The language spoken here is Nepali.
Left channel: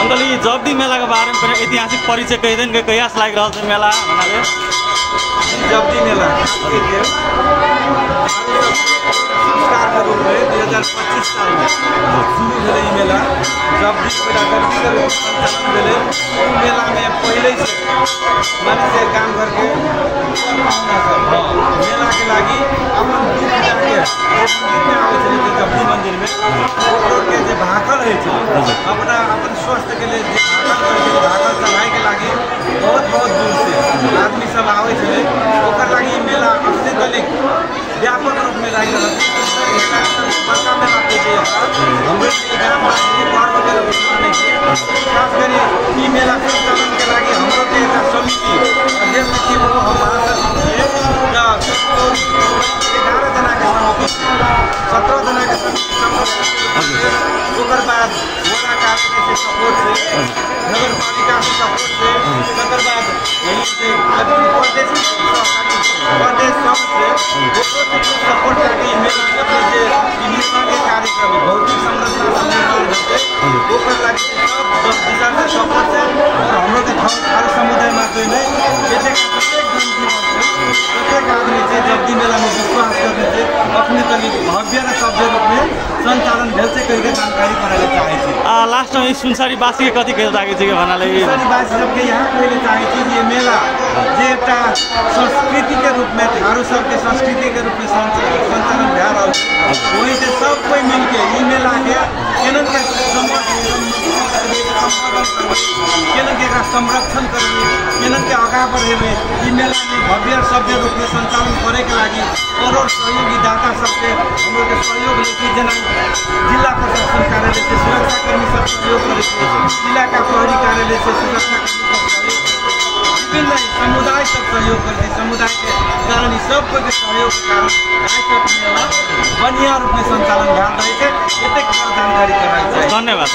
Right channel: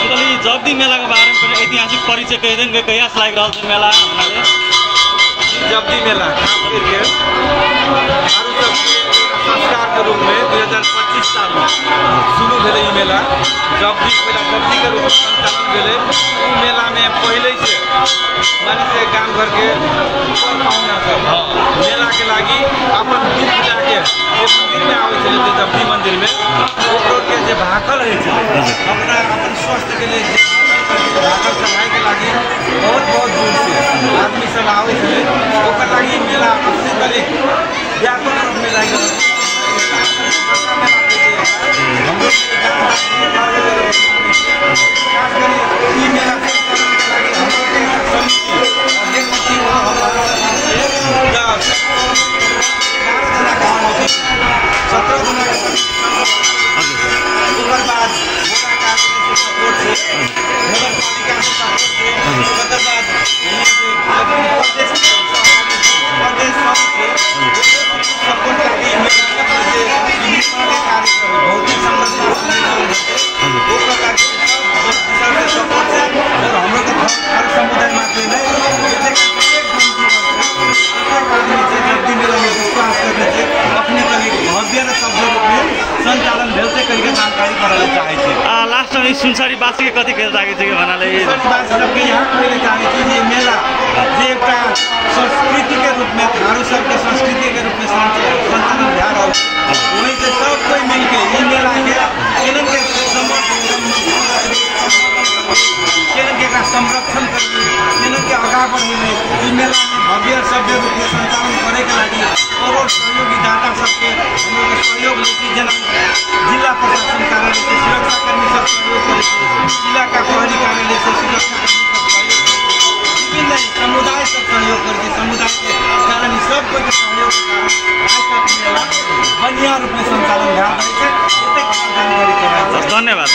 अंकल ये जब्दी मेला के बारे में ऐतिहासिक परिचय कह दें कि कहिया से लाग रहल छै मेला बनाले जब्दी मेला संस्कार के रूप में 2025 साल में शुरू भेले ई मेला। जब्दी पहला जब्दी के रूप में संचालन भेले। उ मेला में पहले से माने से गांव घर के पाहुना सब मेला के लागी अपन दुख जाके मंदिर में आवे छले जे जब्दी मंदिर में ओकरो के जे भाखल है छले अपना अपन स्वास्थ्य के लिए जे भाखल चढ़ाई के लागी बहुत बहुत दूर से आदमी सब आवे छले। ओकर लागी मेला अपने तले व्यापक रूप में लागी रहल बड़का मेला के जे हमरो गांव वासी बार बजे माने खास करी ई मेला संचालन के लागी हमरो के एक समिति अध्यक्ष थी वो हमारा समिति 11 जना के समिति 17 जना के समिति ओकर बाद वोरा कार्यालय से सपोर्ट से नगर पालिका से सपोर्ट से ओकर बाद यहीं से प्रदेश सब से सपोर्ट लगी अपने जे निर्माण के कार्यक्रम भौतिक संरचना निर्माण करते ओकर लगी सब दिशा से सपोर्ट है। और हमरो के हर समुदाय मात्र नहीं जैसे प्रत्येक आदमी से जब्दी मेला में विश्वास करने से अपने तरीक भव्य र शब्द रूप में संचालन भेल से कहीं के जानकारी कराले चाहे छे। लास्ट में सुनसरी बासी के कथी कह लागे छै कि बनाले सुनसरी बासी सबके यहाँ कहले चाहे छी ये मेला जे एकटा संस्कृति के रूप में थारू सबके संस्कृति के रूप में संचालन भए रहल वही से सब कोई मिलके ई मेला के केनन के केनन के संरक्षण करबे केनन के आगा बढ़ेबे ई मेला में भव्य सभ्य रूप में संचालन करे के लागी और सहयोगी दाता सबके हम लोग सहयोग लेके जना जिला प्रशासन कार्यालय से सुरक्षा कर्मी सब सहयोग करे इलाका प्रहरी कार्यालय से सुरक्षा कर्मी सब सहयोग विभिन्न समुदाय सब सहयोग करते समुदाय के कारण सब के सहयोग के कारण आज तक मेला बढ़िया रूप में संचालन भए रहे छै। एतेक जानकारी कराल। धन्यवाद।